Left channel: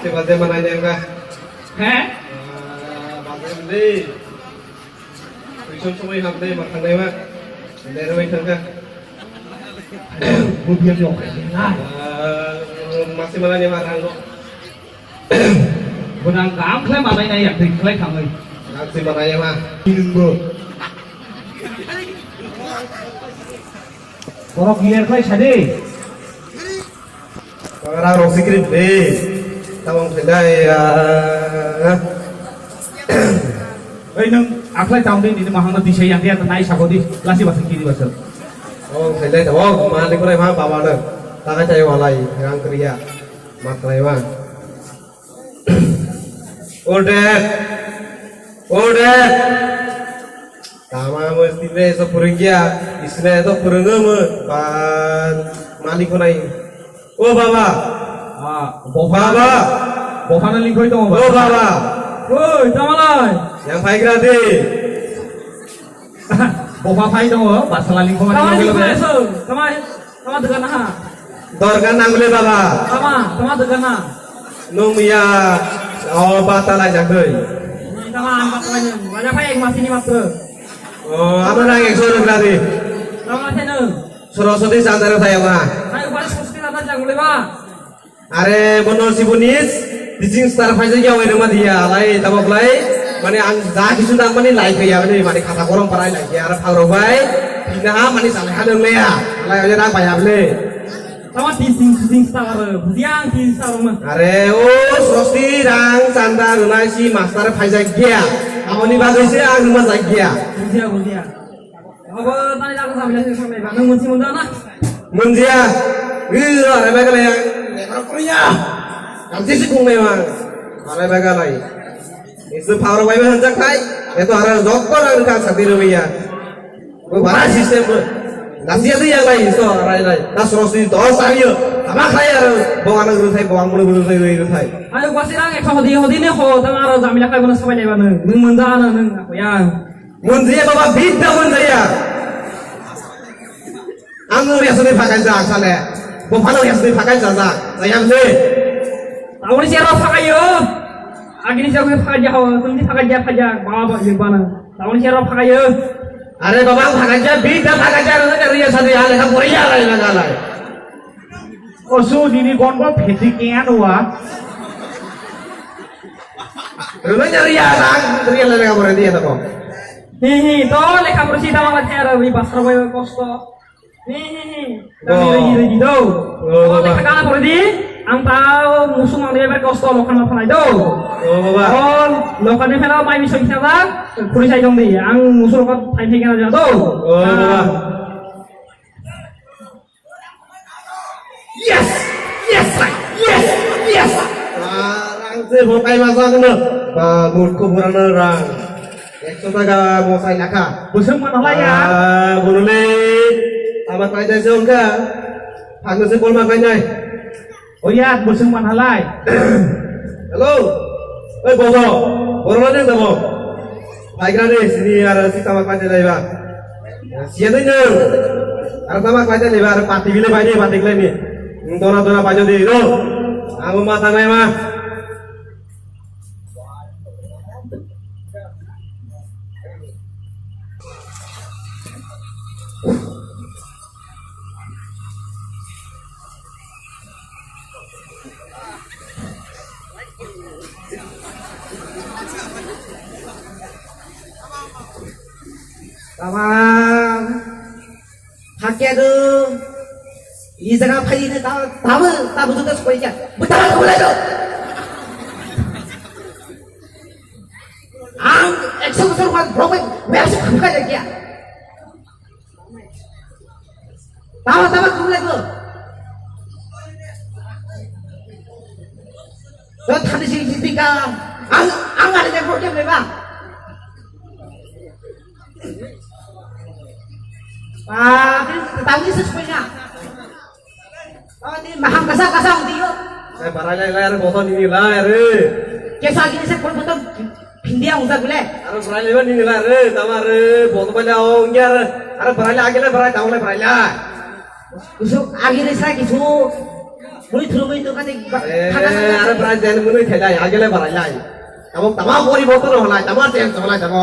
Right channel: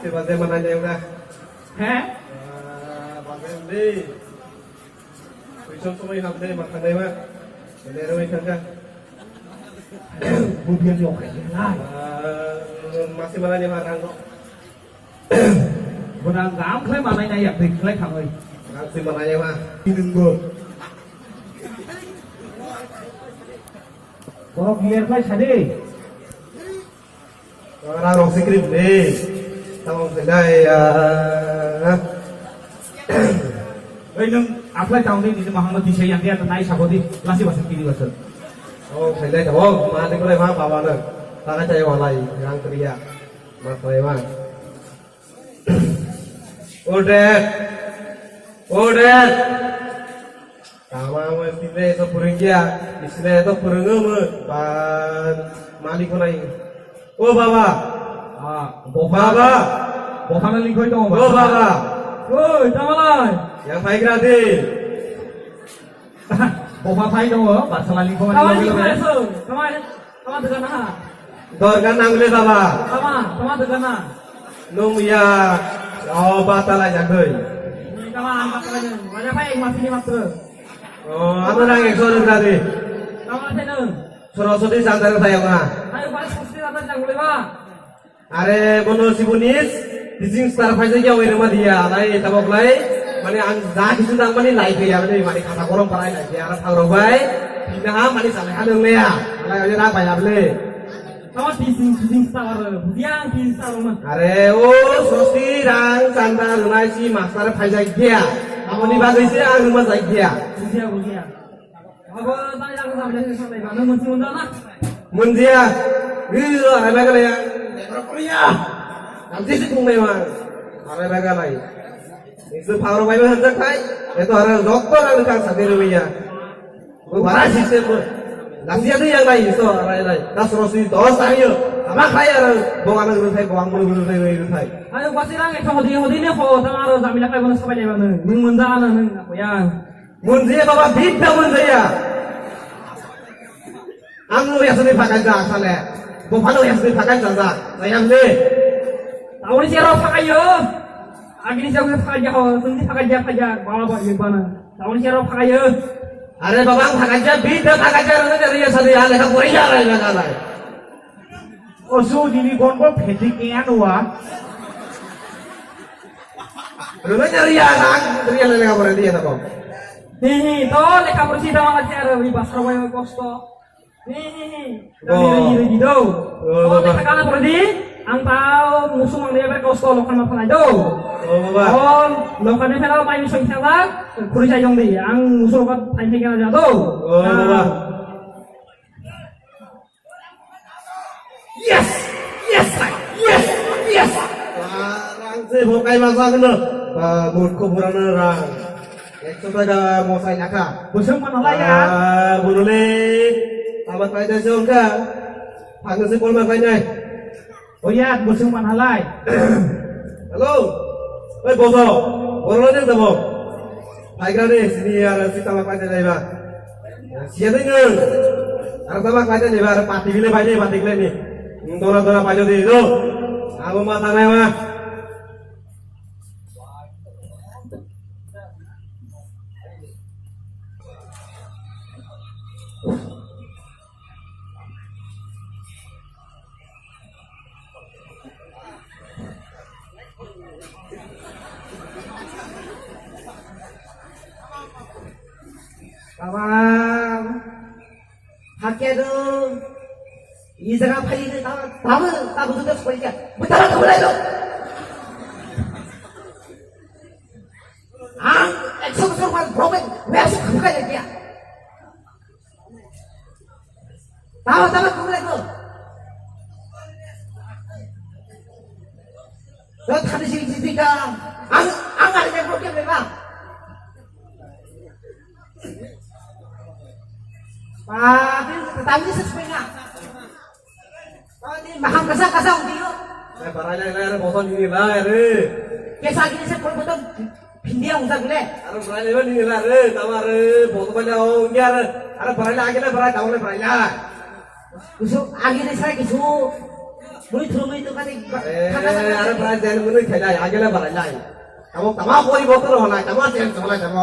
Coba dia mana yang enggak? Heh? Bagian ini. Bisa semua yang hamil makan deh mak. Ada yang makan enggak? Bukan yang lain. Masih mana yang marah kok? Bukan kamu klaim apa ini ya? Klaim kamu. Masih mana yang mah? Minum gue. Kalau biar klaim saja. Orang orang sikit deh. Kamu sedai nung apply tahun ini di Muhammad di yang dia tenai sabodi lasi bahasa kiri bahasa. Oh sedai tahu. Mana di kulai mah bawa deh. Tak ada yang lain. Yang kerja. Maklai mah. Udah. Sama mesti deh sepurungnya. Istilah itu purungnya pan malik kunai. Oh baba. Baba. Bapa nanti kau itu mau. Oh baba. Woi, tamalai. Yang baik nanti. Bapa pai dong, bahasa lain kau nanti kau itu. Sama dengan apa? Dorkan nanggule baba. Sama dengan apa? Nung ya. Oh batal aja deh. Sama angkatannya. Banyak apa yang masih nyimak tuh? Oh apa lagi yang suruh berarti? Sama apa nih? Suruh sedih antara saya mah. Ayo balik mesti ada jangan lewat. Are bono si bunis, dijing star fajar ya wena mah dia, lai tabak lai, mana ang dah kisudang mana lai kaya mana, mana kata korong parai lai kaya arab kalau bay, bina mana sampai ada le ya, lai aja nak bayar le. Sama dijing star, siang di star mah. Are oh sosti rang sandar nasi master fajar dia, kamu ni bagai sih ang rumah saja. Budia. Apa tadi aku sambil sampai kamu mesti mundana. Mundia, gila, ada bagai le. Kalau Korea, nanti sih kung memang, ada bagai lain. Itu power wifi hendak kai, itu harus dokter yang kan sambil rupiah. Barang sistem, nasi itu yang lain, itu lain. Tas rosi dos aja, sama kaya harus bawang ngerutai, bawang ngerutai. Ayo pasti orang yang sama dia nih, kok sama orang zamila kai mana sampai mana, mundana aku yang. Mundia bawa bida mundia. Anggur yang sudah pakai jasa le. Bopano yang sudah pakai jasa, saya ambil. Tahu ni siapa pakai yo? Agi ni siapa pakai jauh? Tunjuk pakai jauh aja, bawa di mana? Tahu ni siapa pakai yo? Ada babang pakai jasa, bida pakai jasa dari yang satu hal yang Korea lain mana lain. Osu dini kondo petikian wa. Rumahnya ria lain yang Korea dia tahu. Hihi, toh leka bersih tahu macam ada di pasar wae kosto. Hihi, kami lagi do. Oh, leka kana berdi, ang tao musuh mang dia kosto lokan apa itu. Oh, baba. Oh, lokan dia kalau main misal kita, kulis aja dong dia. Ang musuh lokan timing aja do. Oh, baba. Yes. Orang tu bukai masa kena. Murku buran orang. Ekso taga mau saya laka. Musuh mana lah ya? Burule. Amat kaya jongga. Aku sepul makanya. Oh iya, musuh mana lah? Halo. Boso. Orang mana kamu? Baik nanti sini ada si tamak kaya dari bang. Siapa ni? Ada tamak kaya dari bang. Pati gile ni. Dona panjang di lo. Aku mata mah. Tamam. Haknya 이 자가 파이는 답은 juga supaya betul boleh lo. Ang eksorsor kan problem, biasa buka dia. Tahu boleh lo. Dan tadi sini ang ada yang problem memang. Tahu ni sesuai. Oh ini mahal kasang dia. Saya barangnya layar bosan ini layar. Kisah gini saya pun pindia usah boleh. Ada barangnya ini layar. Tamar bosan banyak orang. Ada barangnya akhirnya barang tahu le barangnya. Usuk akhirnya saya kisu. মুই থুলো মুই তো কানে আরে প্রায় যেন মনে খেলাই আগেলে বাড়াইলাই এবং তামা পরিবর্তন হলাই তামা চেঞ্জ হলাই যাব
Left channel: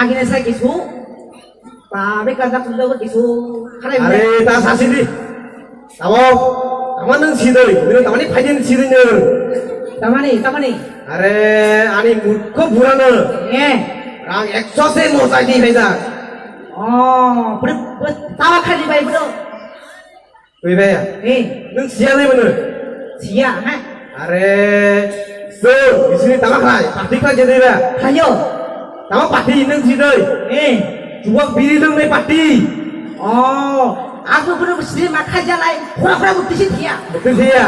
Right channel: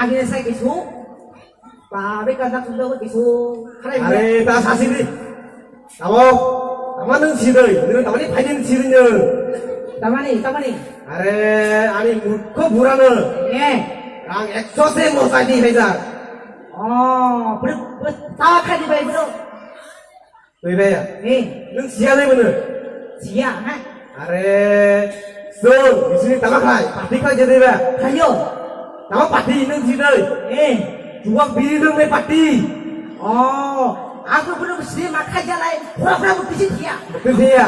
আগে সাই কিছু তাবে কাদা তুললে কিছু খারাপ আরে তা সাসিদি তামো তামা নং সিদই নং তামানি ফাইদিন সিদিন তামানে আরে আনি মূর্খ বুড়ানো এ রাং 100 সে মোসাই দি হইজা পুরো তাওয়া খালি ভাই বড় কই ভাইয়া এ নং সিয়া দে মনে সিয়া হ্যাঁ আরে সর ইসনি তামা খাই পাটি খাই যে দেবা খাইও তামা পাটি নং সিদই এ যুবক বিড়ি লং নে পাটি aku bener mesti makan jalan kurang bukti dia betul dia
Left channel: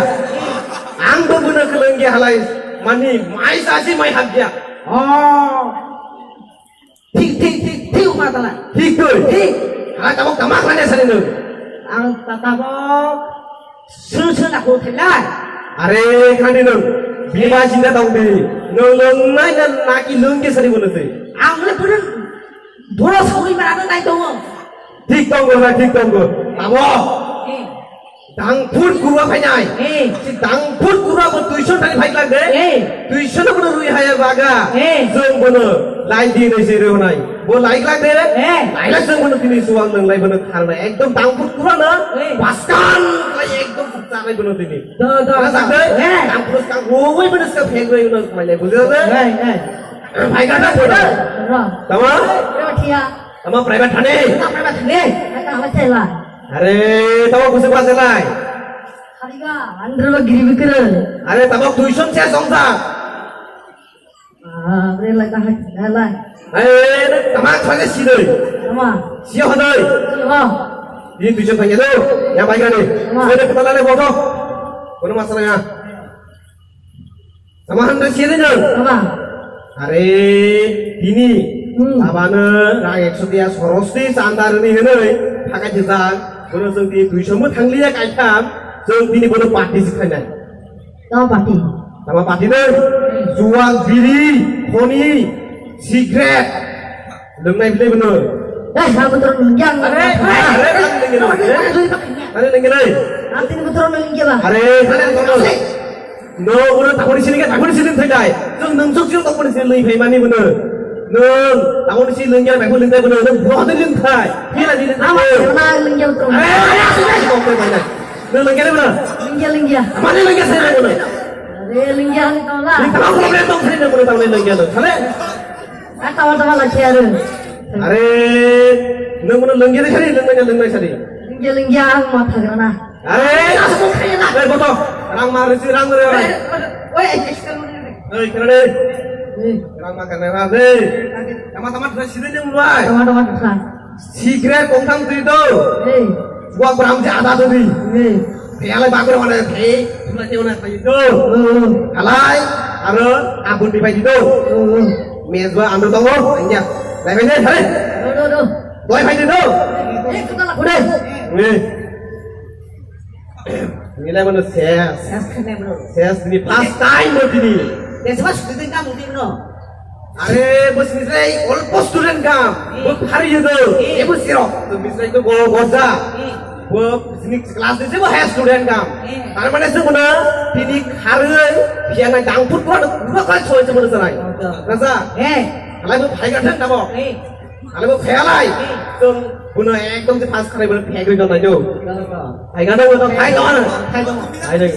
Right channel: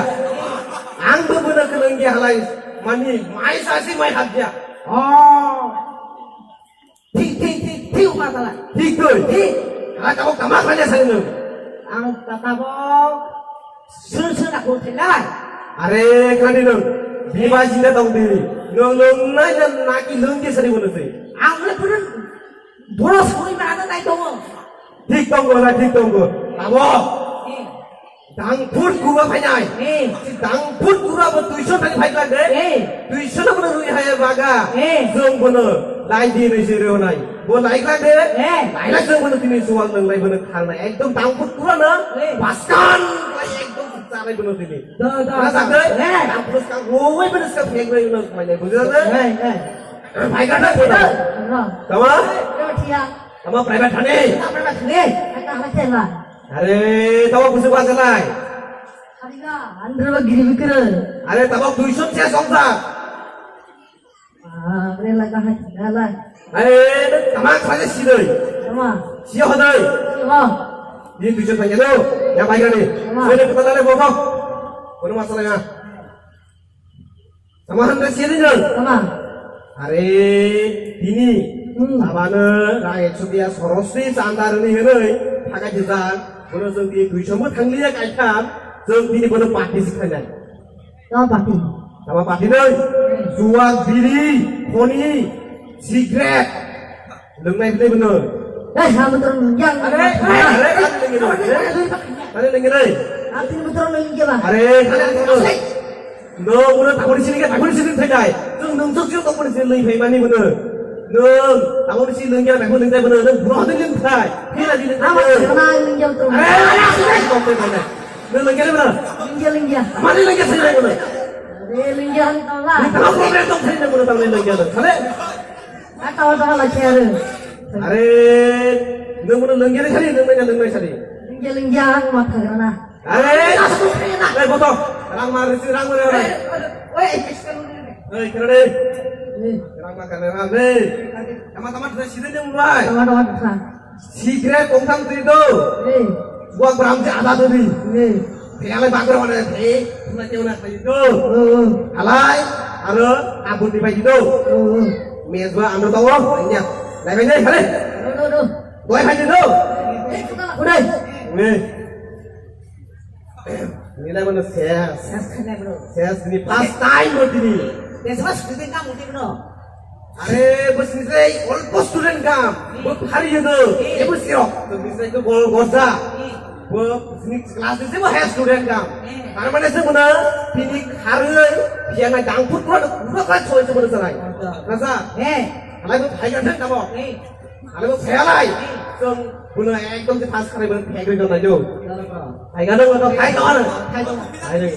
ang do bener kelengge halai mani mai sasi mai habja ঠিক মাতালা ঠিক তুই ঠিক ala kamu kamak lane sari nu ang tatabok susu nak hotelan are kani nu bima jinda tong bi no nai na naki lengge sari bono tu ang le bener dua sekali mana nai dong ঠিক tong go ঠিক tong go tabo dang phut kuwa phai nai dang phut kuwa bo 200 thani phai lagde 200 no bono rui haya baga jong bono lai di nei se ro nai bo lai lagde lai lag jong bono kini suwang nang lai bono khal nai ekdom dang phut kuwa na paskan lai ekdom sa nai bono tini da sagde dang phut kang roi bono ska phek roi bono mai lai bujhe de phai ka na bono tama tama private thane अरे तब कुछ बात नहीं खालिगा अंदर में गिरी बिकर अरे तब 200 से संसा अरे लगा है लगा अरे तमाम थाने सीधे तमा सिया हो दे हो ये 200 पैसे दो या भाई गाने मैंने पता लाने बाबा कोनो मसला है तमाम ने सीधे न तमा अरे ini abana ra 100 dia sorosti sandarni henoi थाखाय दिजां बोनो जों दि 200 मो थांलिया गायथाम जों दिनि बोनो पार्टी सिखायनाय तमा पार्टी sama पार्टी नै जुवा बिरि खनि सिगारेट लोंनाय बिलाय बोनो सा betul yang अरे नोंगै nanti betul nunggu bang अरे सालेन बोनो नो बोनो ताखनि सिनि थाखाय जों नोंसो सिल ताखनि सिनि नै फैमानि बोनो nương tao đi xin lương cho mày không lương tay bây giờ nó bỏ tới lương thải thế là đi đến tao lưng dâu trùng không tôi mày này lương lương cái đấy mà lưng dâu mà đi lương cái gì đây rồi lưng dâu tao là tao không biết tao thấy được rồi tao lên lương cái rồi sao đấy tao là xe rồi अरे lương nó lương cái đấy lương này sao đi lưng dâu mà thằng nào अरे đây có to rang mà rồi rang rồi oi ơi cái này rang makan lewat deh teman-teman sudah sini yang mulai teman-teman bukan secret kongkang itu gua berang jada tuh di piala bagus mana sih mulai mana itu alai ada abun pipai itu mes gua ambil tonggo ini lain aja boleh boleh pakai itu udah nilai mana ses ini pas time begini Semua student kamu di mana? अरे बस mister almost student काम वो भारी है तो ये बस सिरो तो मिस्टर तो गोजा वो बिजनेस क्लास से वो है स्टूडेंट काम तार माने से बना तिनी खारे पियाना डांगफुट को पूरा का छोय से बना सराय रसा हलाय वो भाई गठन नामो हलाय वो फेलाय तो बुनो एकदम से पास करे बना फेक गयो ना जो भाई गाना वो तो भाई गाना भाई नहीं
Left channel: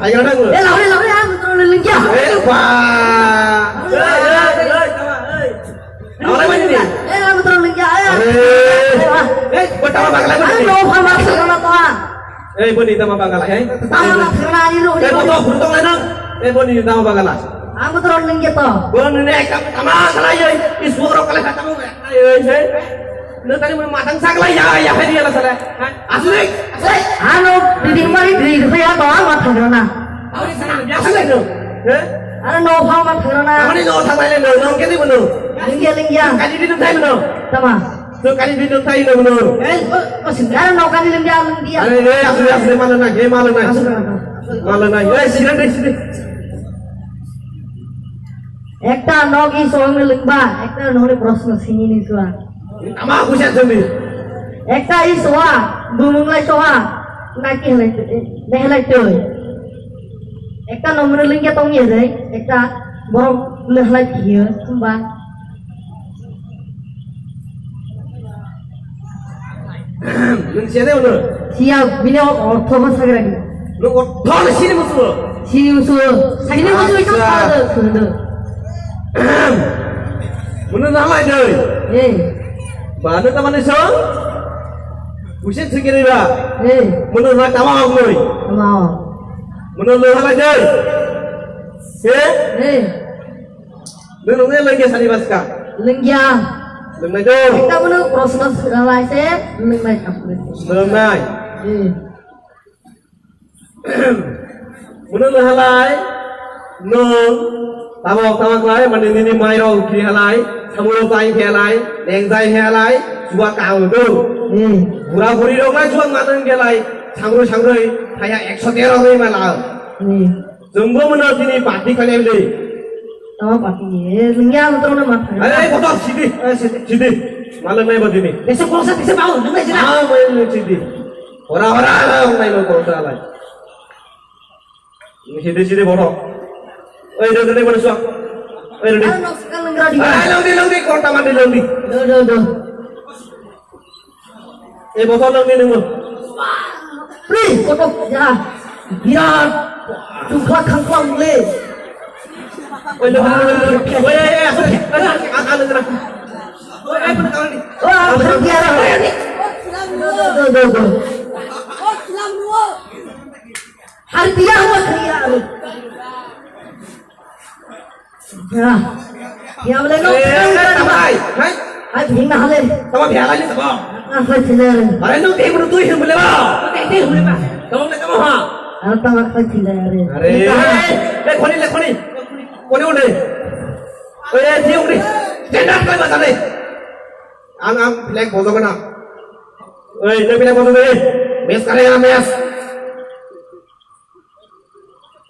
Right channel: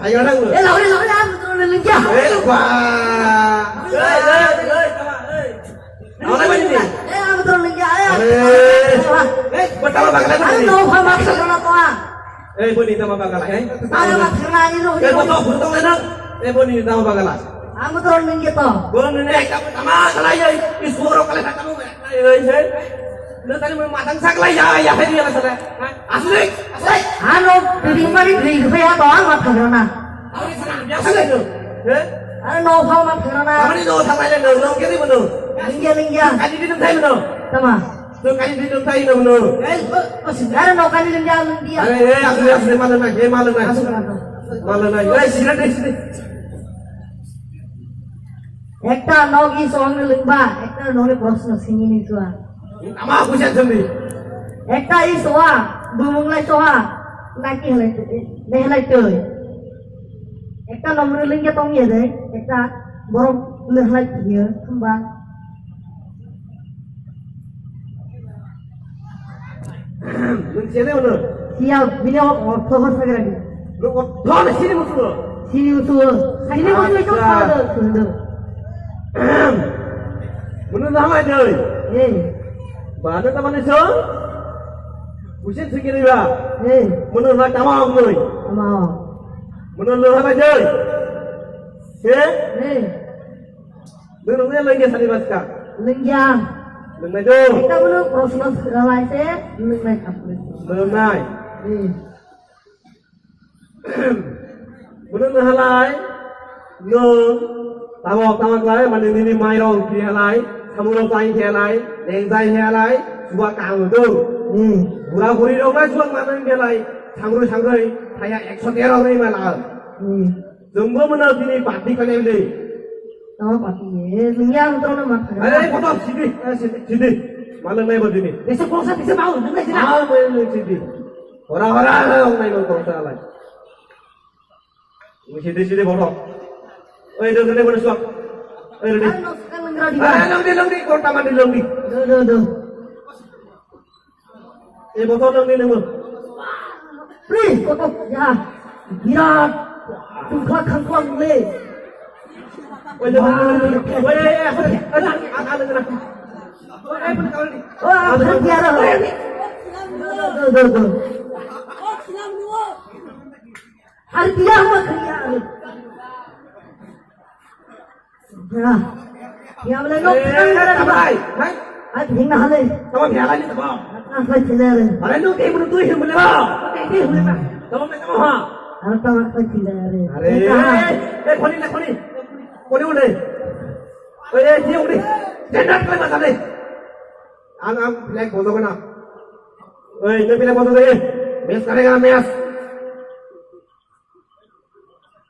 भाई गाना वो lawan betul lingkar. wah Awalnya mana ni? Betul lingkar. Betul bang lagi. Ayo, masuk kalau tuan. Boni nama bang lagi. Tahu lah, terang ini loh. Betul lagi. Boni nama bang lagi. Betul lingkar tu. Boni ni kamu sama salah ya. Isuaro kalau katamu. Lu tadi mau matang sak lah ya hari ya salah. Asli. Anu, di mari di saya doa mat corona. Awak ni sana biasa tu. Anu no hal mat corona. Kamu ni no sama ni no kini mana? Lingkar. Kali di mana mana? Sama. Tu kali di mana mana? Masih ada no kali lingkar. Aku mana nak? Mana nak? Mana nak? Sini. একটা নগি সঙ্গে লিখবা একটা নহলে প্রশ্ন চিনি নিছোৱা আমার খুশি আছেন একটা ই সোয়া দুমুংলাই সোয়া নাকি হেলাইতে একটা নম্বরের লিঙ্গে তঙ্গিয়ে দেয় একটা বড় হেলাই দিয়ে বা Nungsiane ono. সিয়া বিনে অর্থ বসে রাখি Lu thol sini musuh. সিরি উসু সিরি উসু এটা খাওয়া সুন্দর Mun nama deh. এই Mana teman iso? Usin segini ba. এই Mun na tamang ngoi. মাও Mun lu apa deh? Eh? এই Lu nunggu lagi sani baska. লিঙ্গিয়া Lu mai dong. একটা বলে প্রশ্ন রাইছে লিঙ্গাই আপনি Lu mai. এই Mun lu halai. Nung. Tamang lai mana ini mai rong kiri halai. Samuro pai kiri halai. Neng zai halai. Dua kau tu. এই Gura-guri dong lai juang matang kiri halai. Sangru kayak 113 hari malam. এই Jumbo mana sini party kalian ni. আমার পাতি লিঙ্গিয়া তো না মাথা Eh, kotor sini. Sini. Malam ni begini. দেশে কোসা দেশে পাও না যারা Ah, main sini. Orang-orang main kotor lai. Sini bodoh. Oi, dia mana suak? Oi, dia. আর নকশা লিঙ্গা দিবা Ah, longi kota mandi longi. do Eh, botol longi ni. Please কত যা বিরাট তুখা খাংখাং লে Oi, asal. Ada terang. Oi, pun kawan ni. O Virat do har biya ho khriya ya bole no Hai, hai. ai bhina hale Kamu biasa ni sama. apa chile Are no te bro tu hi boleh ba? Te boleh ba? Kamu nak kamu ha? apa apa chile are Are. Khoni. Khoni udah. Oi, siung ni. Jangan kau macam ni. Ang flag bodoh kena. Oi, tu flag bodoh ni. Mes kali ya mes.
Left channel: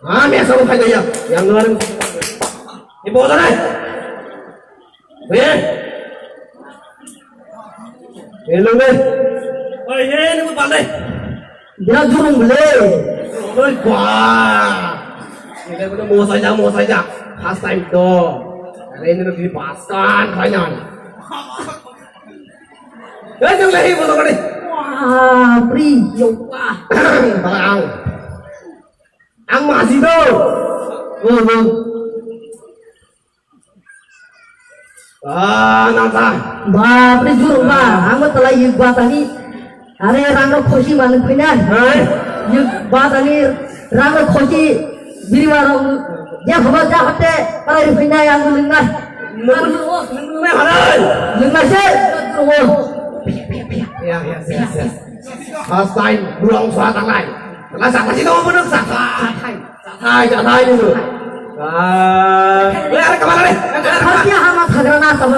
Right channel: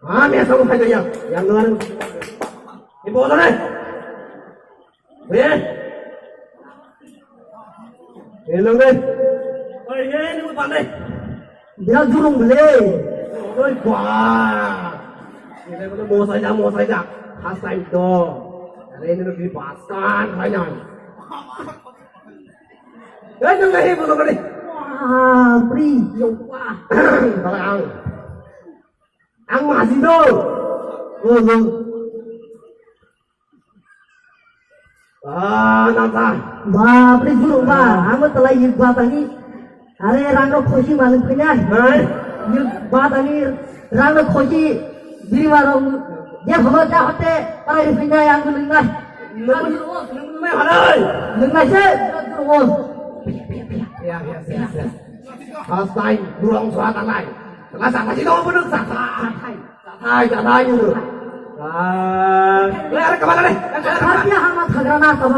Ah, mes aku flag dia. Yang luar. Ni bodoh ni. Oi. Hello ni. Oi, ni mu pandai. dia jurung le Oi, wah. Ini kan benar mau saja. Khas time tu. Hari ini nak dipaskan kayaknya. Jangan lagi bodoh ni. wah pri yo wah Barang. Ang masih tu. Ah, nata. बाप रे जुरो बा हम तला ये बात आनी अरे रंग खुशी मालूम पिना Hai. ये बात आनी रंग खुशी बिरवार ये खबर जा हटे पर ये पिना yang लिंगा Ni halal. लिंगा से वो Ya. Khas time buang surat lain. Kalau sama sih kamu benar Satai dulu. Ah, ada kamar ni. हत्या हम थगना सब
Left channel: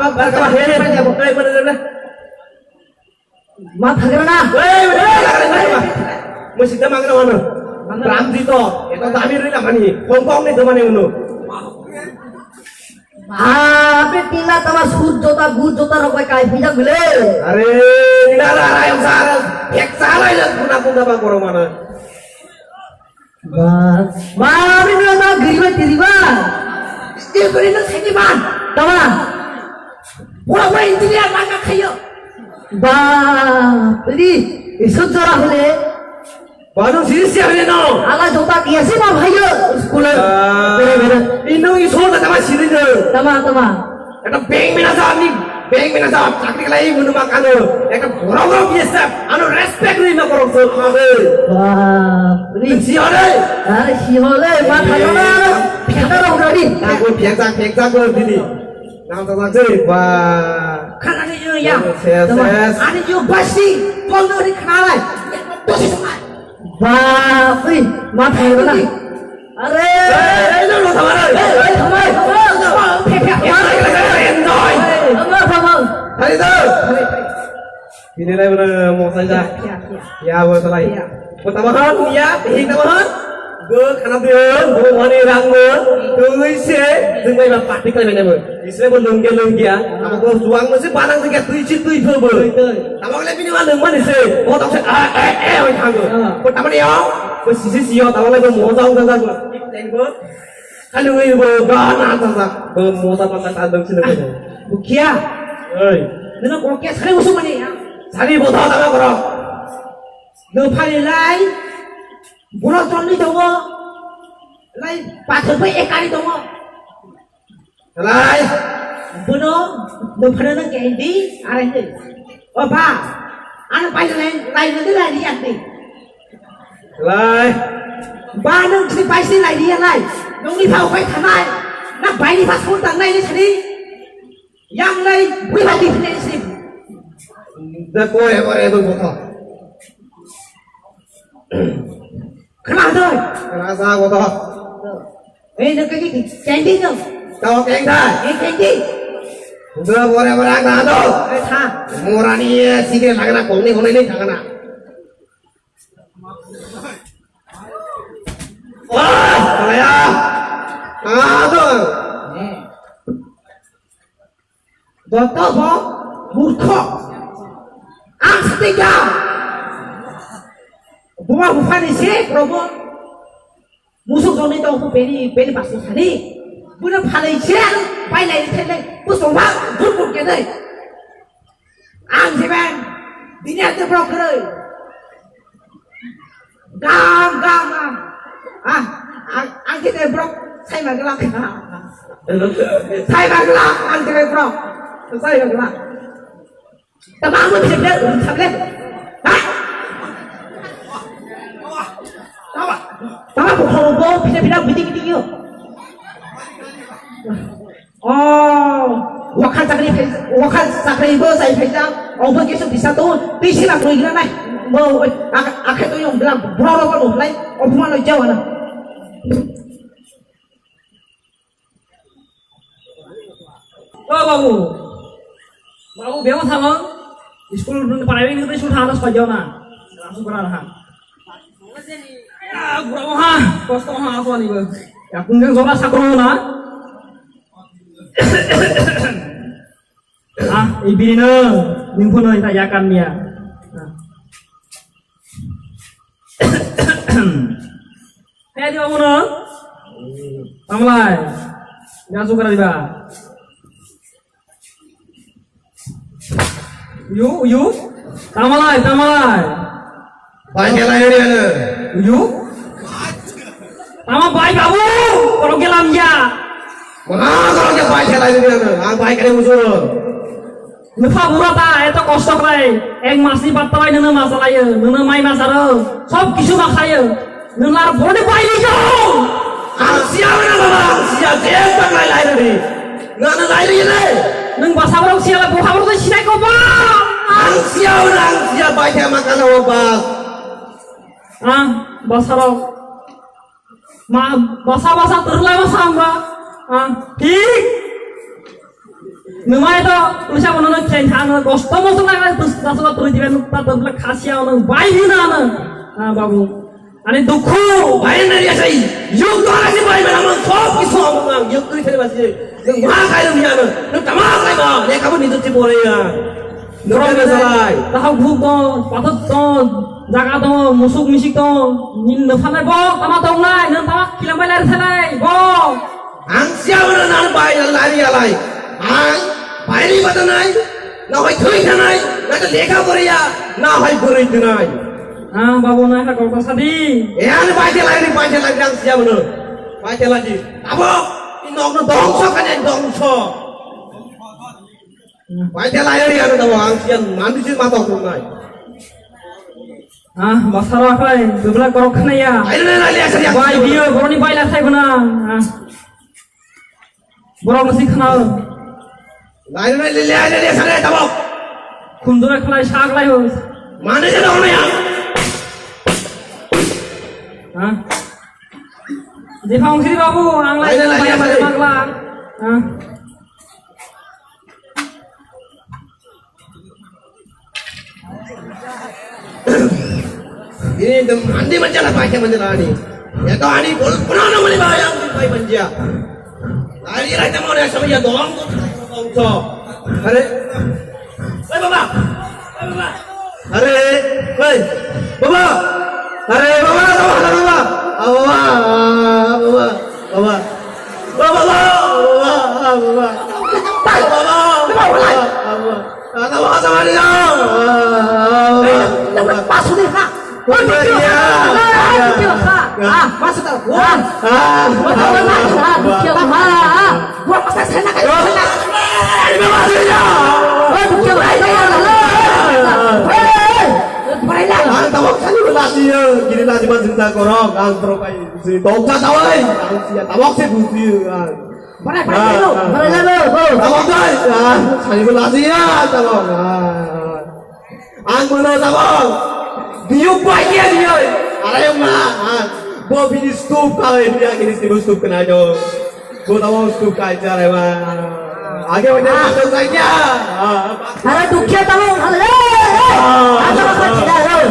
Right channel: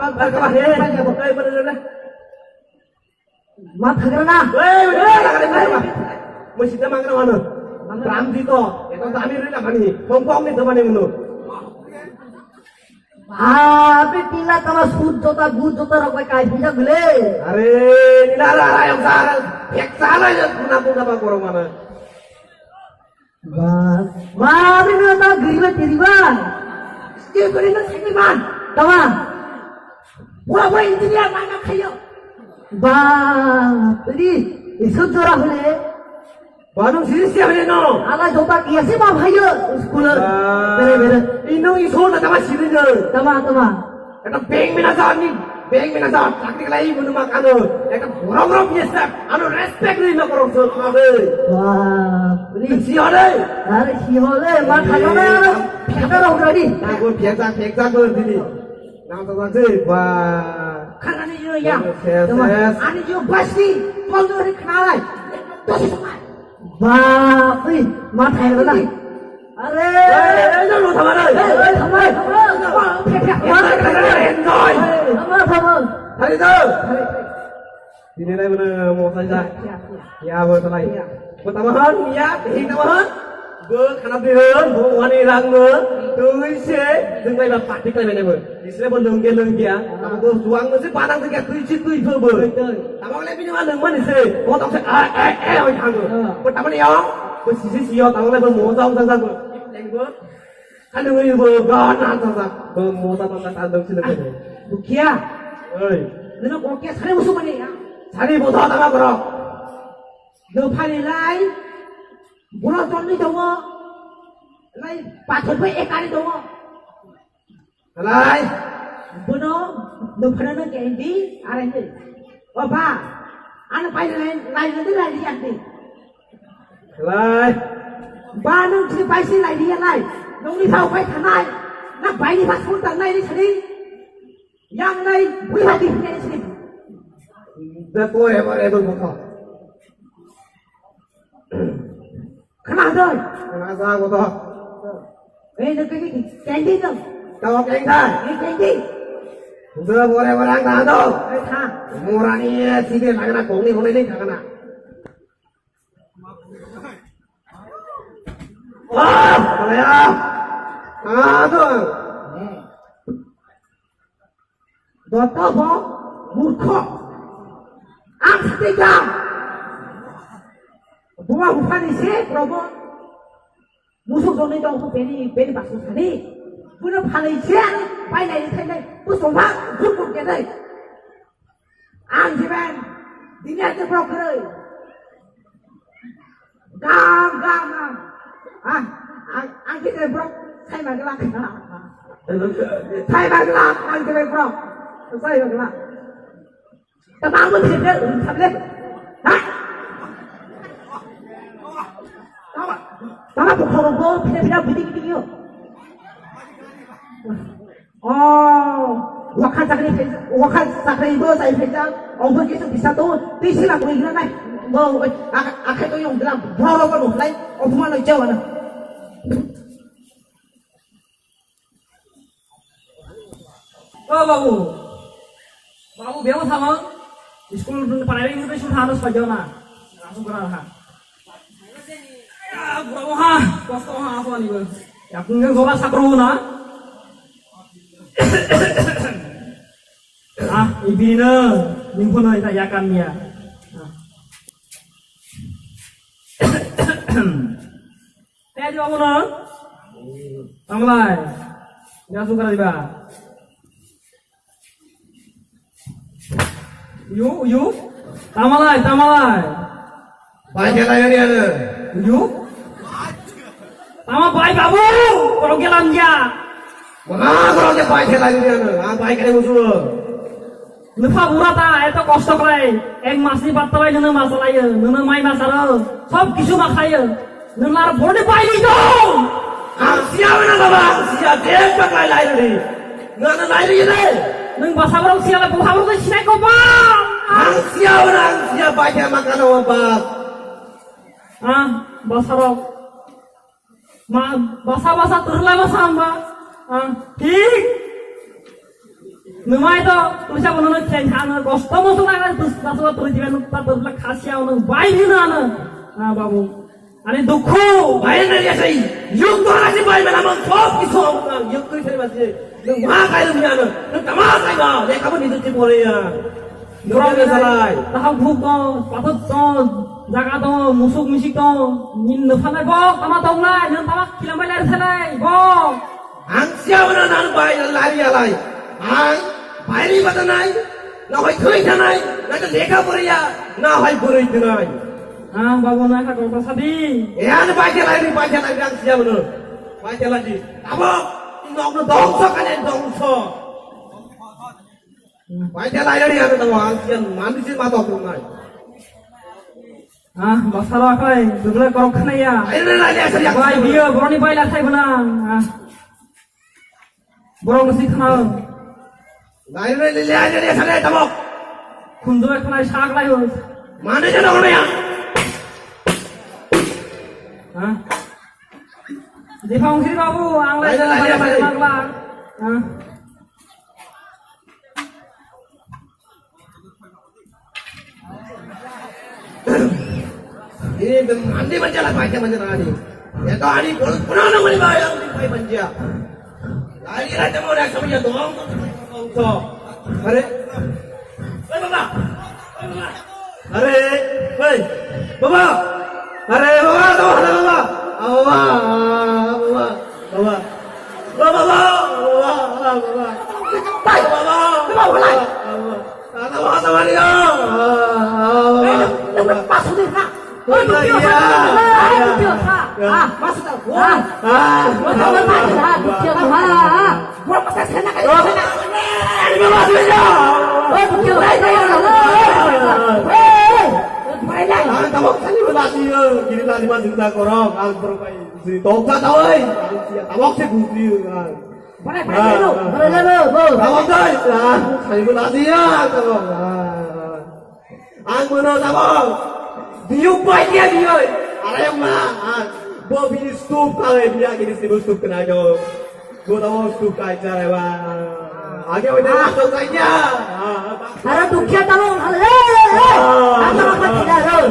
Ada kamar. Hei, benar. मा थगना Mesti kita makan mana? Ramzi to. Itu Tamir ni nama ni. Hongkong ni teman yang mana? बाप रे तीना तमा सूट जोता गुड जोता रखा काय पिजा गले Are, ni dah lah yang salah. Ek salah je punah bang korang mana? बाप रे ना गरीब तेरी बा ये गरीब ना खाई मान तमा वो इंजीनियर मांगा खाइयो बाप रे इसो जोरा होले Baru sini siapa ni no? आला जोता कैसे ना भाइयो स्कूल मेरे Ino isu tak sama sini je. तमा तमा Eta bank mina sahab, cakri lagi guna makan. Eta orang biasa, anu respect ni nak orang sekolah. बाप रे Siapa? अरे शिहोले बात करो ना फिर रहो गाड़ी Aku biasa kau sini. Nama tak tahu wah. खाना नहीं जो या Ses. आने जो बसी कौन तो नहीं खाना है तो सिस्मा बाप रे माफ करो ना अरे Jangan sama Enjoy. Hari tu. Ini lah mana mau saja. Ya, boleh selai. Pertama ya, ini pertama. खाना दो माने रांगो तुइसे जोंनाय बा पार्टी खालामनायबो इसोरबो लोंगिया आमको जुवां मोनसे बानां जोंगिया तुइ फोरबो तामांले बिनि मा लोंमान इसे ओ दावसे ओइ थांगो को तामानिया को सिसियो तामांले बो मोजां जागो टेंगो खालुइबो गाना जाजा बो मोजा पाता तादोंसो लोगो बुखिया ओइ नों गकिया सारे उसु माने सारि बथा दामा करो नो फालिलाय बुरा जन्नि दङ लाय बाथौबो एकारि दङ लाय बोनो नो फाना गेंदि आरे ओ बा आन पाइलाय लायनो दे लायनि आंदि लाय बा नों थि पाइसि लायनि लाय नोंनि फाव फाय थानाय ना बायनि फासखौ दांनायनि सानि यांलाय बुइलादि फैनायसि दा कोरे कोरे दो बथा खोनादों Rasa bodoh. Nó cái candy đâu Tahu keng dah. candy Udah boleh berangkat tuh. tha Murah nih sih dia lagi nak kong ni jangan nak. Wah, saya. Tuh. Dokter bo murko astiga bukan bukan sih promo musuh zone itu aku beli pasal tadi bukan palai sih palai lagi tadi musuh apa bukan kita am sih bang dunia itu broker gam ang kita brok saya magelang saya magelang ang kita brok saya magelang tapi aku bisa lihat Tama bukan bau pindah bidik yo. Oh, wakan sakri bau saya pindah. Oh, begitu bisa tuh, bisa lah tuh gila nih. Mau, akhir tuh yang bilang berapa kan loh, lain, oh cuma lo jauh lah. Oh babu biar sama, sekolah paling itu sudah harus pajona, langsung berangkat. Ya, berapa ha? Kosto ha apa nih bang? Ya, kunjung coba sakro na. Ibina, nimpuna kita yakan dia. Kayak di mana? Tamlai, jangan suka riba. Yuk, tamlai. Banyak lagi dia. Yuk. Tama baik babu, kalau gelam ya. Mana kalau dia baik lagi dia, baik kena musuh. Lupa burata, itu kostok lagi. Masih batalai nuna masalah ya, nuna main masalah. Sob kisu maksaya, nuna bodi baik ni kau. Siapa ni bapa? Siapa dia pakai lagi ni? Nana lagi ni. Nung bahasa orang siapa? Bahasa orang tu siapa kau bang? Siapa baik yang makan apa? Bahasa orang. Bahasa terlalu bahasa mbak. ঠিক numa itu tulisnya mana kencang kosto masuk lagi terus dasar perizinan tak khasiat orang baik ni na babu ane dukho baik ni dia sih yuk tu asyik baik mana sob kisah orang yuk tu ini masih yang mana kaya dia na nak tamat lagi bah dia kamu ni tu cip boleh ya dorang dia salah tahu buku patut tu jaga tu musuk misik tu nin nafalai boh tamat tu lah nin tamat kilamai lari salai boh siapa nak baik lari alai baik ni betul nai nak baik tuai nai nak tu lekha boleh ya nak baik boleh tu nai babu nai kau kau sadi ni baik lagi yang siapa nak baik lagi apa ini orang dongso kan yang dongso baik lagi yang tu orang siapa manusia mata tu nai masalah apa jumlah kau kena ya baik dia baru ni baik lah saya benar Borong mesti kenal. Lain dia sangat tabok. Kunjung kelai sak lai hus. Mana je orang ni? Di fungsi babu, anglai banyak lah. Ini mandi macam apa? Macam mana ni? Ya to ani pernah nama bawa yang pai penjia. Lari rai temo dah sama ya doang tu kongso. Are. Hei baba. Hei baba. Are. Hei. Baba. Are baba, baba. Baba. Baba. Baba. Baba. Baba. Baba. Ada apa sama dia? Masuk deh, Kak. Masuk tak? Wah, gua pasal sana kayak sana. Ini masuknya. Bukit beraya. Beraya. Ang tawag sa nilasi yun. Ginilasi man sinta korong. Ang tropa yun. Si Tongsa tawag. Ang siya tawag si Buti yun. Beraya lo. Tawag tayo. Sa nilasi yan. Tawag. Ang muna tawag. Diyo pa dia. Aray ma. Bo bini stup kaya dia kini stup kena jo. Bo tawag stup kaya aray ma. आगे बढ़े तो क्या अरे दुखिया तमे हले आगे मत चिल्ला रो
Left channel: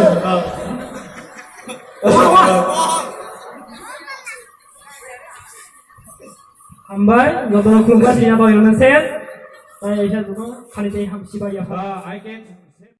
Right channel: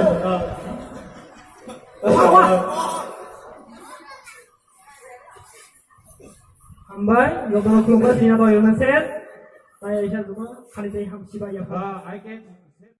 Hambai, jodoh keluarga sini atau yang set, saya isa dulu kali ini ham siapa ya? I can